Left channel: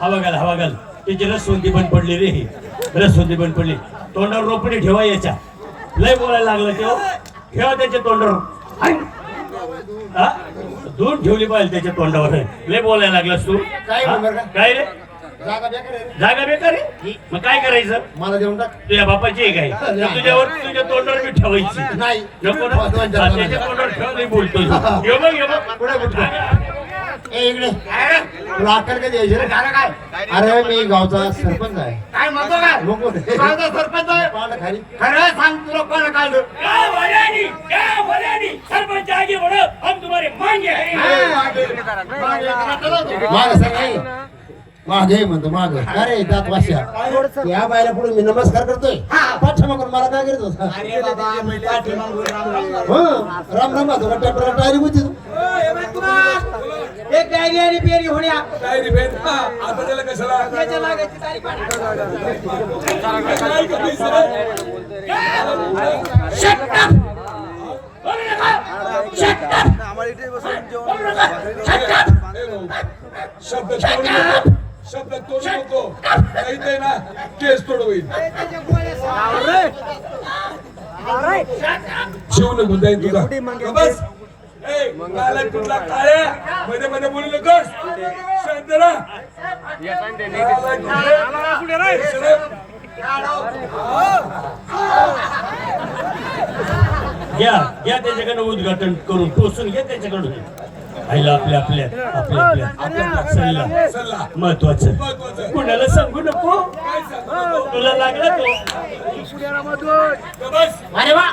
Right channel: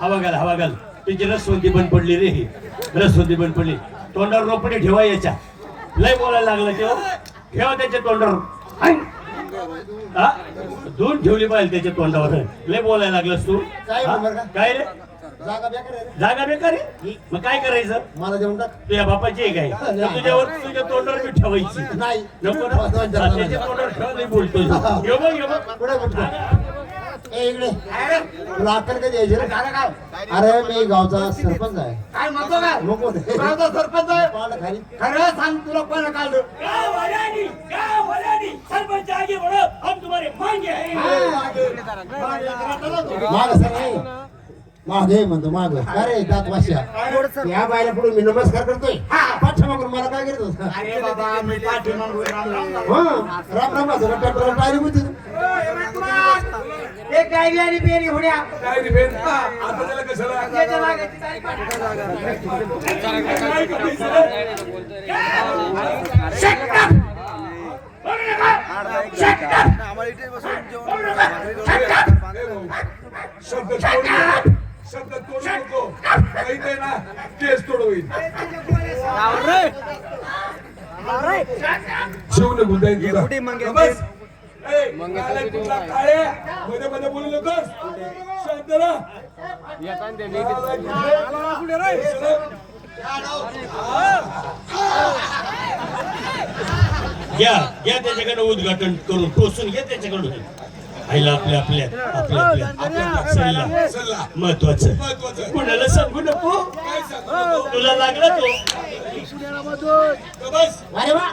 हवा घाल हवा घाल. त्याची रसवंती बंद पडली रे ही. रसवंती बंद पडली. तोंडावर रोपडी ठेवा याच्या. लय बोलायला लागलं तेव्हा ठेवा त्याच्या तोंडावर. हा? दूध ठेवली पाहिजे त्याच्या तोंडावर. लय बोलायला लागलास तू. काय हा? रे? जागा बेकार आहे. मग काय करायचं? मला देऊन टाक. तुझ्या बापाची आहे काय? तुझ्यावर तुझ्या तोंडावर मी ठेवायची. नाही. नको ना? हा. त्याच्या तोंडावर ठेव मी बोलतोय. ये बघ ये बघ. पुढे बोलतो. ए इकडे. तुला अक्कल कधी यायची रे? काय? अरे मी गावचा सरपंच आहे. काय म्हणतो काय? मग कोण? माझा सरपंच आहे. पाहिलं खाली. खरं सांग तुला कोण काढलं सरपंच आगे बढ़ो हम तुम्हारे मांगे हैं. माग. सर नाही. मागे म्हणतो माग. अरे दात वाशा. या बायला पुढे मी नमस्कार करतोय. पाठ्यामागून मला काय करतो अरे बाबा मी पाठीमागून राम राम हं, राम राम माझं ट्रॅक्टर टायरी होती. एक डायरी आणि पेरी होण्या. आता त्याला कशाला? त्याच्या मागायची तारीख शब्द शब्द तोडू नको. काही काही ना केस तोड होईल शिव निघून जाईल तुझा का बस. ए, काला तुला मध्ये मध्ये बोलू नकोस. शांत राहा. काला तुझे- ए, शरम. घ्या घ्या त्याच्याकडे उद्घाटन करून टोचून घ्या त्याच्याकडून. आईला आपल्या आपल्या आपल्या आपल्या आपल्या सल्ला. सल्ला. महत्वाचं. कुणाला सांगू नको? काय सांगू नको. तुला लागला तो. का बस अरे वा.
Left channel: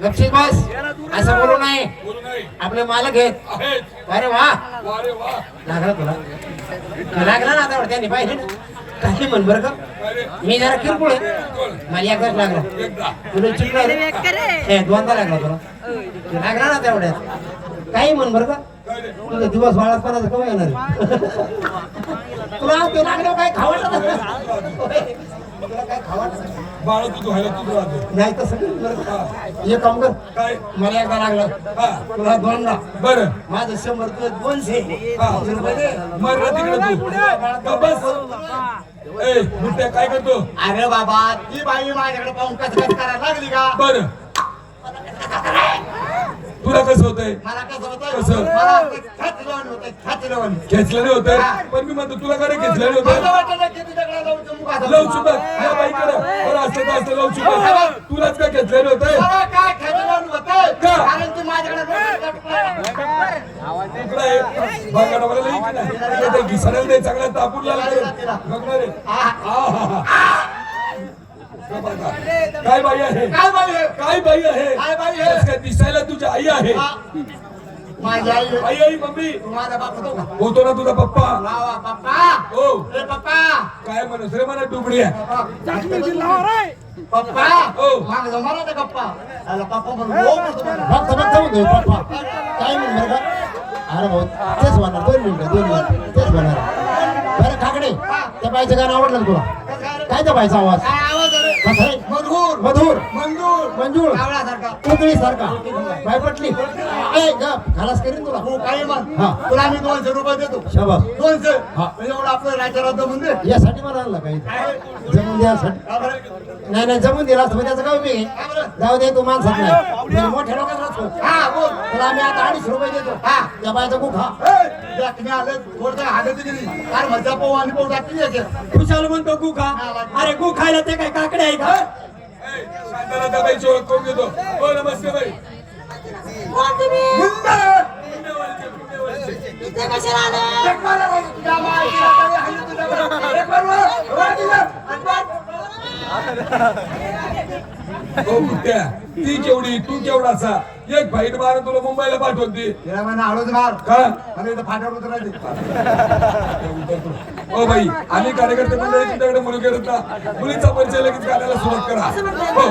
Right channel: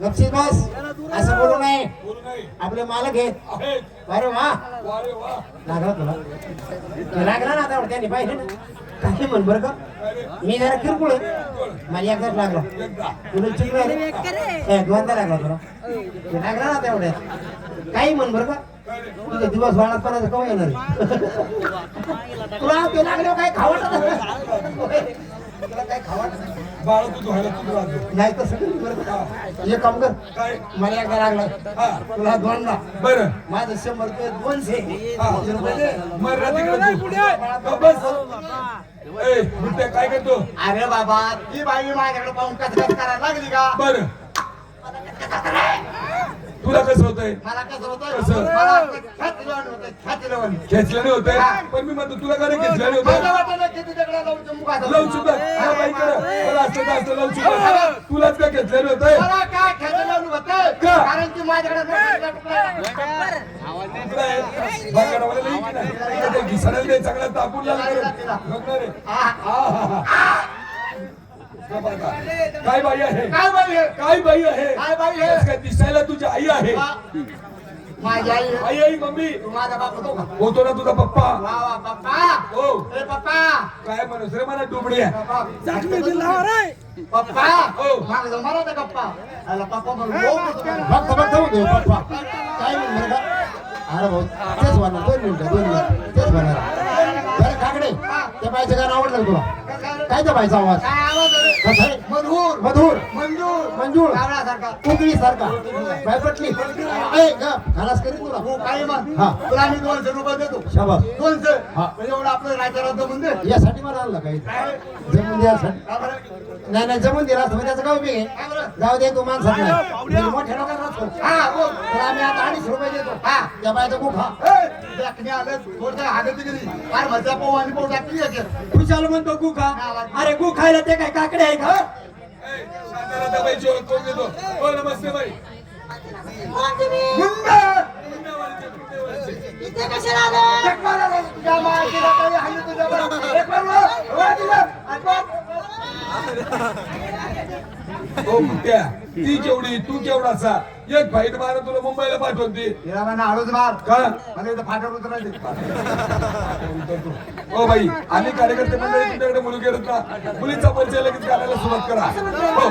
लक्षित बस. असं बोलू नाही. आपले मालक आहेत. अरे वा. लागला तुला. तो लागला ना आता त्यांनी पाहिजे ना. काही म्हण बरं का. मी जरा किरकोळ मला एकदाच लागला. तुला चिडला हे दोनदा लागला तुला. तो लागला ना तेवढ्यात काही म्हण बरं का? तुझा दिवस वाळतपणाचा कवा येणार? तुला ते लागलं काय खावट बाळ तू धुवायला तू राहतो नाही तसं नाही. बरं का? काम कर. काय? मला एकदा लागला. हा. तुला दोनदा बरं. माझं शंभर ते दोनशे हा. दोनशे रुपये दे. मर ना तिकडे तू. का बस? ए काय करतो? अरे बाबा ती बाई माझ्याकडे पाहून कसरत करायला लागली का? बर. तुला कसं होतंय? मला कसं होतं कसं? मला आपलं छाती लावून होतं छाती लावून घेतलं नाही होतं पण मी म्हणतो तुला काय घेतलं नाही माझं होतं वाटलं की लावू हा तुलाच काय होतं नाही चांगला तापून लागला बाई आहे? काय बाई आहे? काय बाई आहे? काय बाई आहे? बस काय दिसायला तुझी आई आहे? माझी आई आई आई मम्मी. तुम्हाला बाप होतो का होतो ना तुझा पप्पा. वा वा पप्पा. हो. ए पप्पा. काय म्हणत रे मला डुबडी आहे. पप्पा. हो. माग आला म्हणून हो म्हणतो म्हणतोय पप्पा. काय म्हणणार का अरे भाऊ तेच म्हणणार दोन मिनिटं दोन मिनिटं. तेच म्हणणार. बरं काकडे त्या बाईचं गाणं आवडलं तुला? काय त्या बाईचा आवाज? काय आवाज आहे? कसा आहे मधुर मधुर मंजूर कावळ्यासारखा. कोकणी सारखा बाय पटली ए गप. खलास करीन तुला. हो मग हा. तुला मी दोनशे रुपये देतो. शाबास. दोनशे. हा. म्हणजे एवढं आपलं राज्याला जमून दे. यासाठी मला आणलं काही. जमून द्यासाठी? नाही नाही जमून दिला. असतं त्याचं काय आहे? जाऊ दे तू माणसात नाही. मी मोठ्या लोकांना तुला आम्ही आता अडीच रुपये देतो. हा. त्या बायचा खूप हा ए, जखमी आलं थोडं हागत गेली काय म्हणता पाहू आणि पाहू टाकली आहे ते. खुशाल म्हणतो गु खा अरे गु खायला ते काय काकडे आहे का करून हो नमस्ते बाई पुण्यवालीचे, पुण्यवालीचे. एक बरं रे, तुझ्या मायकीला काही आहे तुझ्याकडे. एक बरं रे, वर दिलं. आणि बघ. हो मुद्द्या ती केवढी तू केवढाचा एक फाईट मार तुला मुंबईला पाठवून ती तिला म्हणा हळूच मार. का मला इथं फाट्यावर उतरायचे हो बाई आम्ही कार्यकर्ते मंडळी तुमच्याकडे मुली करत ना मुलीचा परिचय लगेच घालायला सुरुवात करा. हो.